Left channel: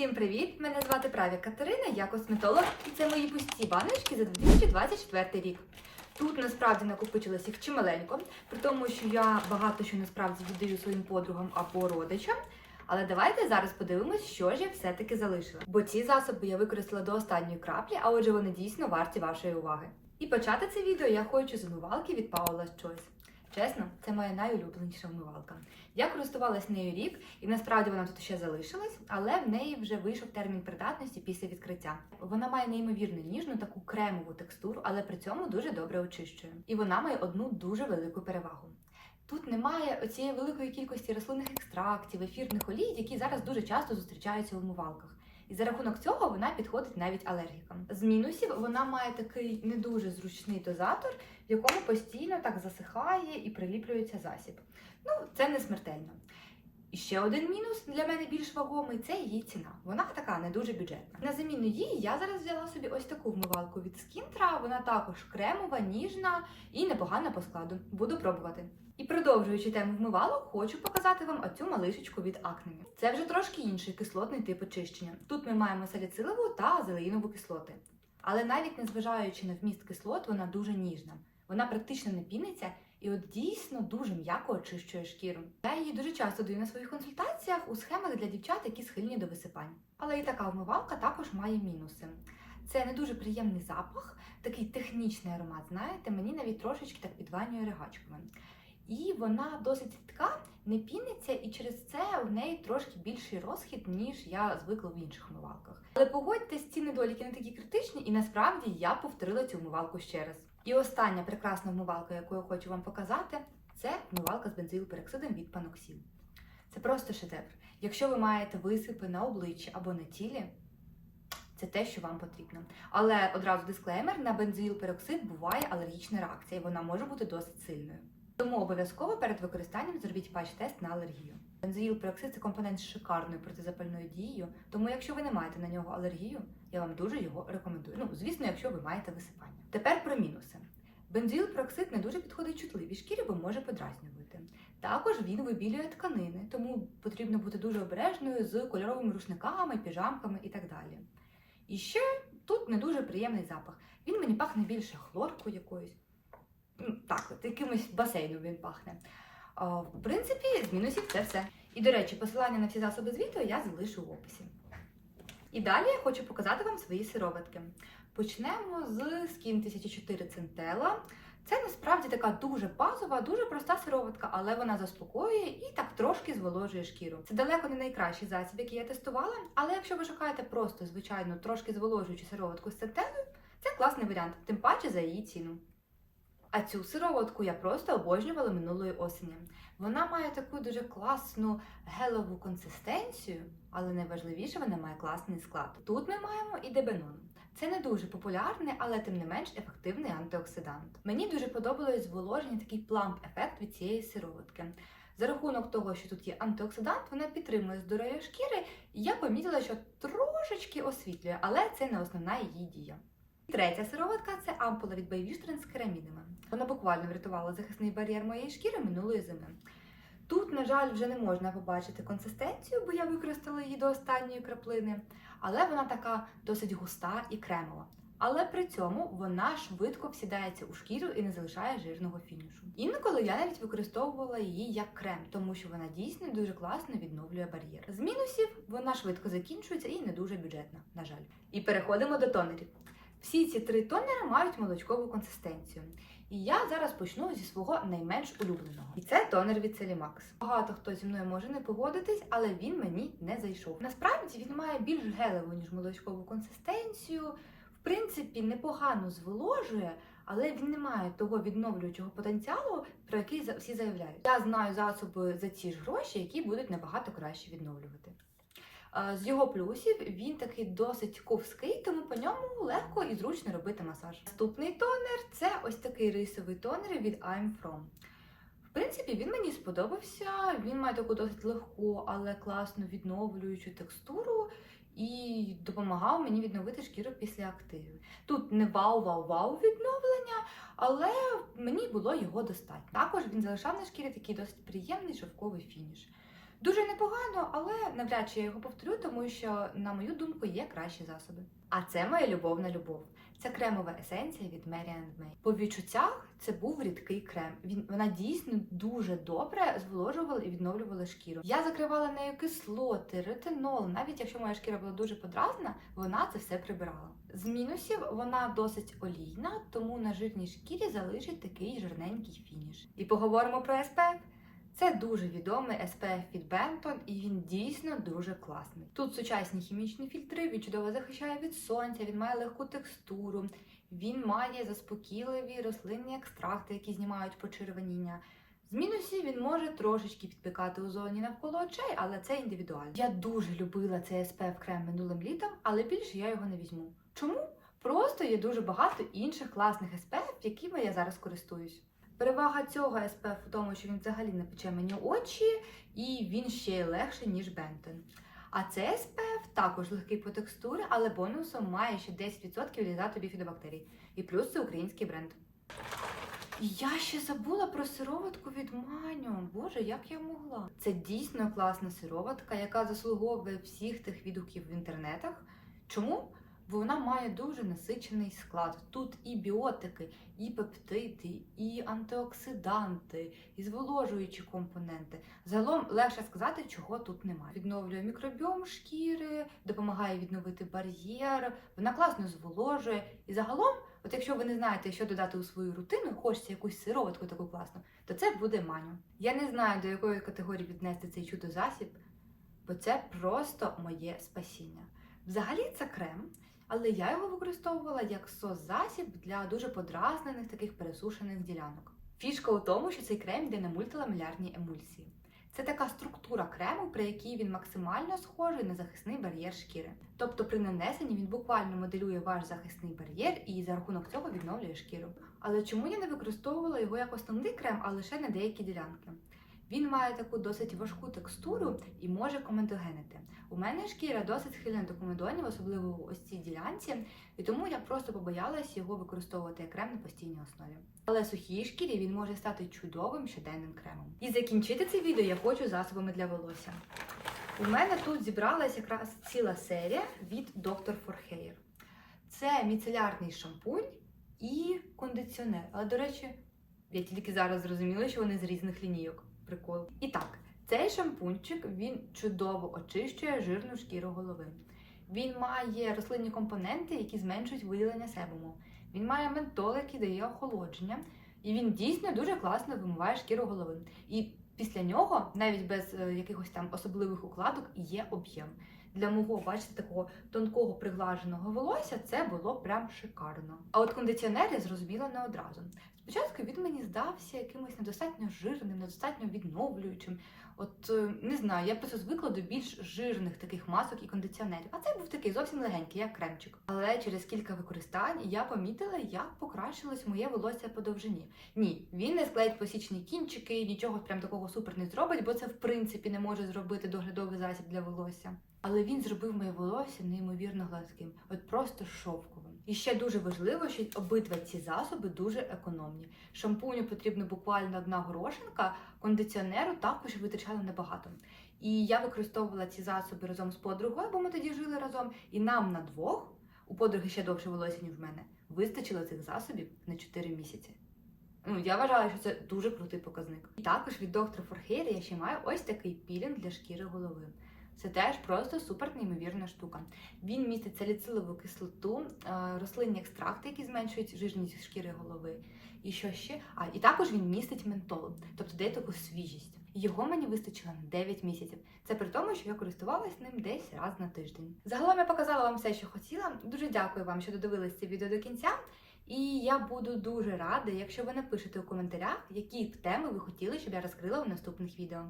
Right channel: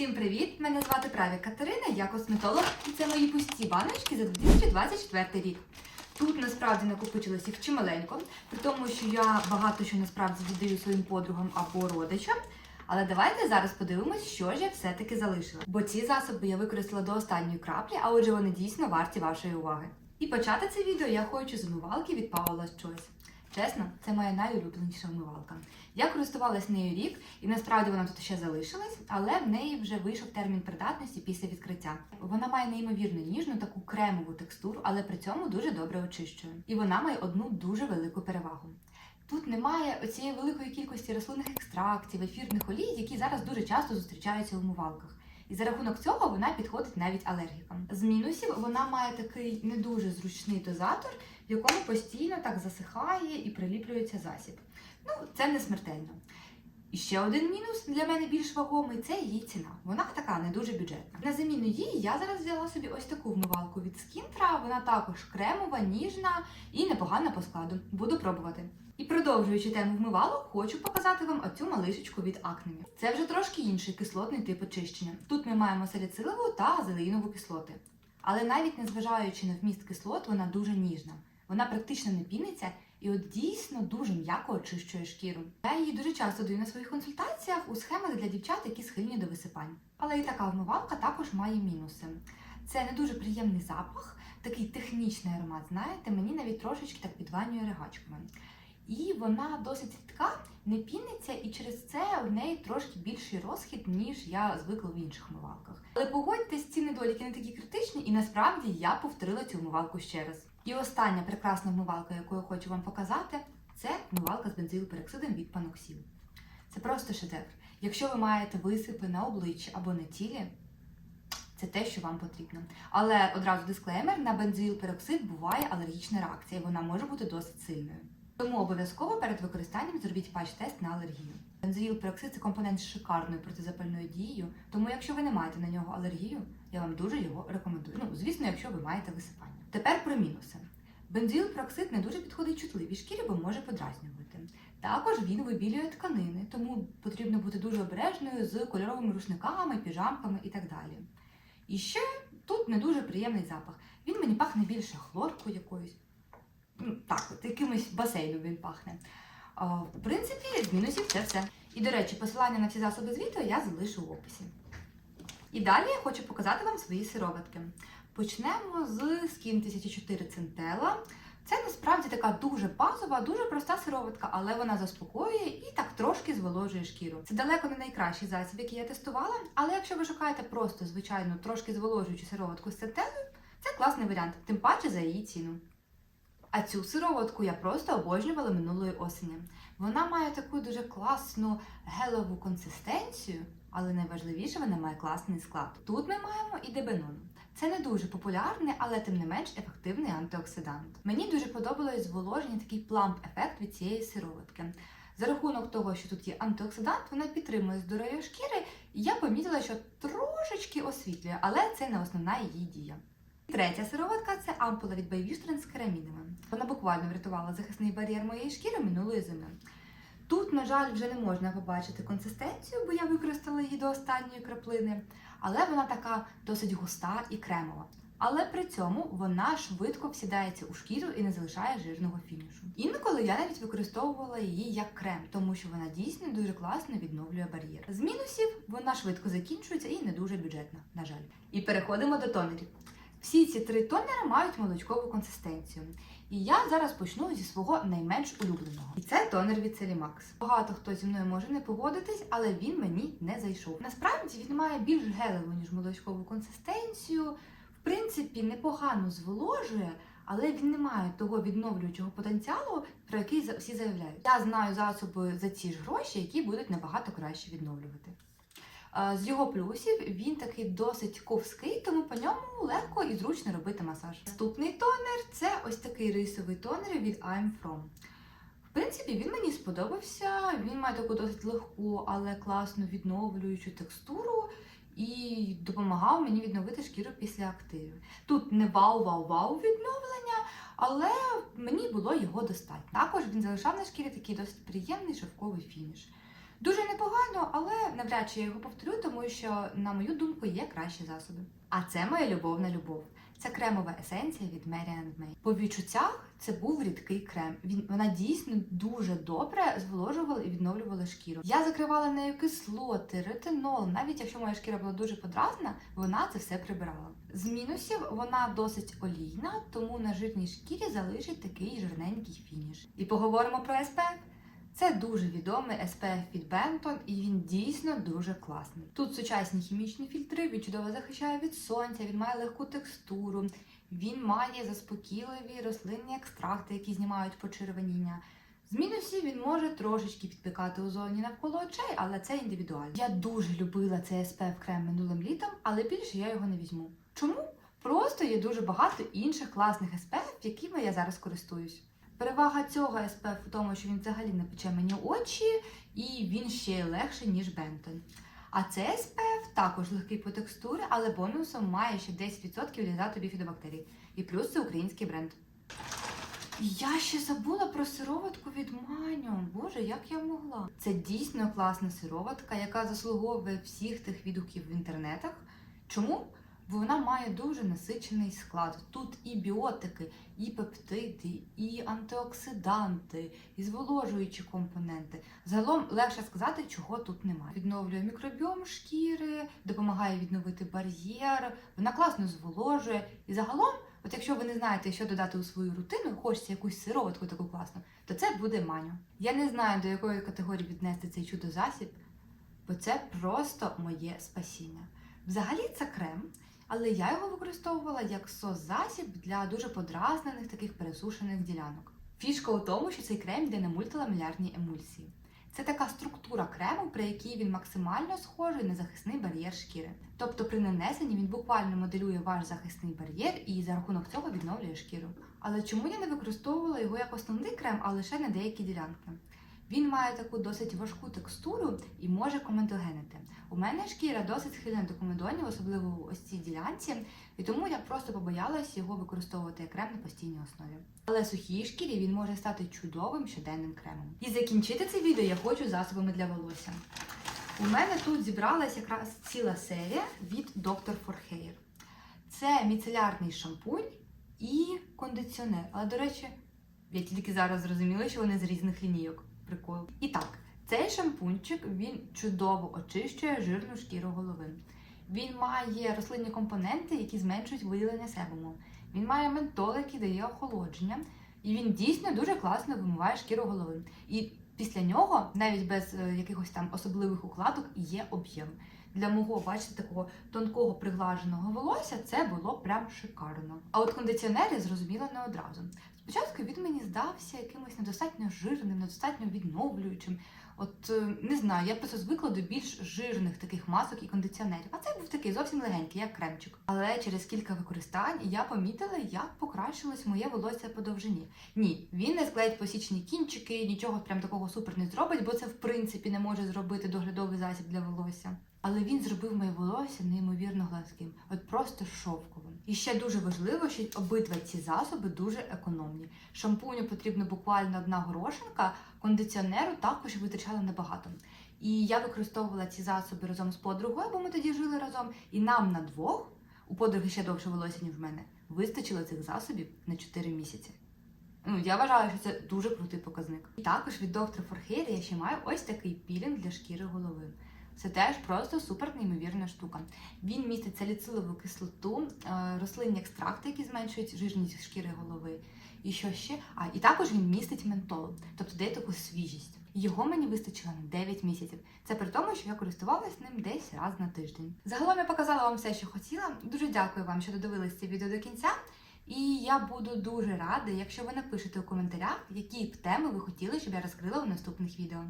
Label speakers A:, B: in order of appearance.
A: Всім привіт! Мене звати Праві Катерина, я косметолог, і це мої пусті баночки за 2024 рік. Тут насправді накопичилось їх чималенько, при тому, що я багато що насправді віддаю своїм подругам або родичам. Але давайте зараз подивимось, що ж я все-таки залишила. Бо ці засоби я використала до останньої краплі, а отже, вони дійсно варті вашої уваги. І почати це відео я хочу з умивалки від Paula's Choice. Чесно, це моя найулюбленіша вмивалка. Я користувалась нею рік, і насправді вона тут ще залишилась, але в неї вже вийшов термін придатності після відкриття. Вона має неймовірно ніжну таку кремову текстуру, але при цьому дуже добре очищує. І вона має одну дуже велику перевагу. Тут немає оцієї великої кількості рослинних екстрактів, ефірних олій, які зараз дуже часто зустрічаються у вмивалках. І за рахунок цього вона підходить навіть алергікам. З мінусів вона має такий не дуже зручний дозатор, в якому постійно так засихає і приліплюється засіб. Ну, це не смертельно. І ще один мінус для мене більш вагомий це її ціна. Вона така не дуже бюджетна. На заміну їй я зараз взяла собі ось таку вмивалку від Скінтра. Вона також кремова, ніжна і непогана по складу. Буду пробувати. І продовжуючи тему вмивалок, хочу показати вам оцю малишечку від Acne. Це вже трошки інший кислотний тип очищення. Тут ми маємо саліцилову та зелеїнову кислоти. Але навіть незважаючи на вміст кислот, вона дуже ніжна. Вона практично не піниться і от дійсно дуже м'яко очищує шкіру. Я її дуже часто даю на своїх консультаціях у схемах для дівчат, які схильні до висипань. Але і така вмивалка також має мінуси. Це не дуже приємний запах, такий технічний аромат, знаєте, мені навіть трошечки так підванює ригачками. І вона досить рідка, не піниться, і через це в неї трошки більший розхід, ніж я звикла в інших вмивалках. Але погодьтесь, ці недоліки не такі критичні, і насправді я повторила цю вмивалку ще раз. І остання прекрасна вмивалка, яку я хочу вам показати, це вмивалка з бензилпероксидом від Panoxil. Це просто шедевр. Якщо ви маєте висипи на обличчі або на тілі, це те, що вам потрібно. Але одразу дисклеймер: на бензилпероксид буває алергічна реакція, і вона може бути досить сильною. Тому обов'язково перед використанням зробіть патч-тест на алергію. Бензоїл-пероксид – це компонент з шикарною протизапальною дією, тому якщо ви не маєте на нього алергію, я вам дуже його рекомендую. Ну, звісно, якщо ви маєте висипання. Тепер про мінуси. Бензоїл-пероксид не дуже підходить чутливій шкірі, бо може подразнювати. Також він вибілює тканини, тому потрібно бути дуже обережною з кольоровими рушниками, піжамками і так далі. І ще тут не дуже приємний запах. Він мені пахне більше хлоркою якоюсь. Ну, Так, от якимось басейном він пахне. В принципі, з мінусів це все. І, до речі, посилання на всі засоби з відео я залишу в описі. І далі я хочу показати вам свої сироватки. Почнемо з Skin 1004 Centella. Це насправді така дуже базова, дуже проста сироватка, але вона заспокоює і так трошки зволожує шкіру. Це далеко не найкращий засіб, який я тестувала, але якщо ви шукаєте просто звичайну трошки зволожуючу сироватку з центелою, це класний варіант, тим паче за її ціну. А цю сироватку я просто обожнювала минулої осені. Вона має таку дуже класну гелову консистенцію, але найважливіше вона має класний склад. Тут ми маємо і дебенон. Це не дуже популярний, але тим не менш ефективний антиоксидант. Мені дуже подобалось зволоження, такий пламп-ефект від цієї сироватки. За рахунок того, що тут є антиоксидант, вона підтримує здоров'я шкіри, і я помітила, що трошечки освітлює, але це не основна її дія. Третя сироватка це ампула від Bayvishtrend з керамідами. Вона буквально врятувала захисний бар'єр моєї шкіри минулої зими. Тут, на жаль, вже не можна побачити консистенцію, бо я використала її до останньої краплини, але вона така досить густа і кремова. Але при цьому вона швидко всідається у шкіру і не залишає жирного фінішу. Інколи я навіть використовувала її як крем, тому що вона дійсно дуже класно відновлює бар'єр. З мінусів вона швидко закінчується і не дуже бюджетна, на жаль. І переходимо до тонерів. Всі ці три тонери мають молочкову консистенцію. І я зараз почну зі свого найменш улюбленого. І це тонер від Celimax. Багато хто зі мною може не погодитись, але він мені не зайшов. Насправді він має більш гелеву, ніж молочкову консистенцію. В принципі, непогано зволожує, але він не має того відновлюючого потенціалу, про який всі заявляють. Я знаю засоби за ці ж гроші, які будуть набагато краще відновлювати. З його плюсів він такий досить ковський, тому по ньому легко і зручно робити масаж. Наступний тонер це ось такий рисовий тонер від I'm From. В принципі, він мені сподобався. Він має таку досить легку, але класну відновлюючу текстуру і допомагав мені відновити шкіру після активів. Тут не вау-вау-вау відновлення, але мені було його достатньо. Також він залишав на шкірі такий досить приємний шовковий фініш. Дуже непогано, але навряд чи я його повторю, тому що, на мою думку, є кращі засоби. А це моя любовна любов. Це кремова есенція від Mary May. По відчуттях це був рідкий крем. Він вона дійсно дуже добре зволожувала і відновлювала шкіру. Я закривала нею кислоти, ретинол. Навіть якщо моя шкіра була дуже подразна, вона це все прибирала. З мінусів вона досить олійна, тому на жирній шкірі залишить такий жирненький фініш. І поговоримо про SPF. Це дуже відомий SPF від Benton, і він дійсно дуже класний. Тут сучасні хімічні фільтри, він чудово захищає від сонця, він має легку текстуру, він має заспокійливі рослинні екстракти, які знімають почервоніння. З мінусів він може трошечки підпікати у зоні навколо очей, але це індивідуально. Я дуже любила цей SPF крем минулим літом, але більше я його не візьму. Чому? Просто є дуже багато інших класних SPF, якими я зараз користуюсь. Перевага цього SPF у тому, що він взагалі не пече мені очі, і він ще легший, ніж Benton. А цей SPF також легкий по текстурі, але бонусом має ще 10% лізату біфідобактерій. І плюс це український бренд. Я ще забула про сироватку від Маню. Боже, як я могла? Це дійсно класна сироватка, яка заслуговує всіх тих відгуків в інтернетах. Чому? Вона має дуже насичений склад. Тут і біотики, і пептиди, і антиоксиданти, і зволожуючі компоненти. Загалом легше сказати, чого тут немає. Відновлює мікробіом шкіри, допомагає відновити бар'єр. Вона класно зволожує. І загалом, от якщо ви не знаєте, що додати у свою рутину, хочеться якусь сироватку таку класну, то це буде маню. Я не знаю, до якої категорії віднести цей чудо-засіб, бо це просто моє спасіння. Взагалі це крем. Але я його використовувала як сос-засіб для дуже подразнених таких пересушених ділянок. Фішка у тому, що цей крем йде на мультиламелярній емульсії. Це така структура крему, при якій він максимально схожий на захисний бар'єр шкіри. Тобто при нанесенні він буквально моделює ваш захисний бар'єр і за рахунок цього відновлює шкіру. Але чому я не використовувала його як основний крем, а лише на деякі ділянки? Він має таку досить важку текстуру і може комедогенити. У мене шкіра досить схильна до комедонів, особливо в ось цій ділянці, і тому я просто побоялась його використовувати як крем на постійній основі. Але сухій шкірі він може стати чудовим щоденним кремом. І закінчити це відео я хочу засобами для волосся. У мене тут зібралась якраз ціла серія від Dr. For Hair. Це міцелярний шампунь і кондиціонер. Але, до речі, я тільки зараз зрозуміла, що вони з різних лінійок. Прикол. І так, цей шампунчик він чудово очищує жирну шкіру голови. Він має рослинні компоненти, які зменшують виділення себуму. Він має ментол, який дає охолодження, і він дійсно дуже класно вимиває шкіру голови. І після нього, навіть без е, якихось там особливих укладок, є об'єм. Для мого, бачите, такого тонкого приглаженого волосся це було прям шикарно. А от кондиціонер я зрозуміла не одразу. Спочатку він мені здався якимось недостатньо жирним, недостатньо відновлюючим. От е, не знаю, я просто звикла до більш жирних таких масок і кондиціонерів. А це був такий зовсім легенький, як кремчик. Але через кілька використань я помітила, як покращилось моє волосся по довжині. Ні, він не склеїть посічні кінчики, нічого прям такого супер не зробить, бо це в принципі не може зробити доглядовий засіб для волосся. Але він зробив моє волосся неймовірно гладким, от просто шовковим. І ще дуже важливо, що обидва ці засоби дуже економні. Шампуню потрібно буквально одна горошинка, кондиціонеру також витрачала небагато. І я використовувала ці засоби разом з подругою, бо ми тоді жили разом. І нам на двох, у подруги ще довше волосся, ніж в мене, вистачило цих засобів на 4 місяці. Ну, я вважаю, що це дуже крутий показник. І також від Dr. For я ще маю ось такий пілінг для шкіри голови. Це теж просто супер неймовірна штука. Він містить саліцилову кислоту, е, рослинні екстракти, які зменшують жирність шкіри голови. І що ще? А і також він містить ментол, тобто дає таку свіжість. Його мені вистачило на 9 місяців. Це при тому, що я користувалась ним десь раз на тиждень. Загалом я показала вам все, що хотіла. Дуже дякую вам, що додивились це відео до кінця. І я буду дуже рада, якщо ви напишете у коментарях, які б теми ви хотіли, щоб я розкрила у наступних відео.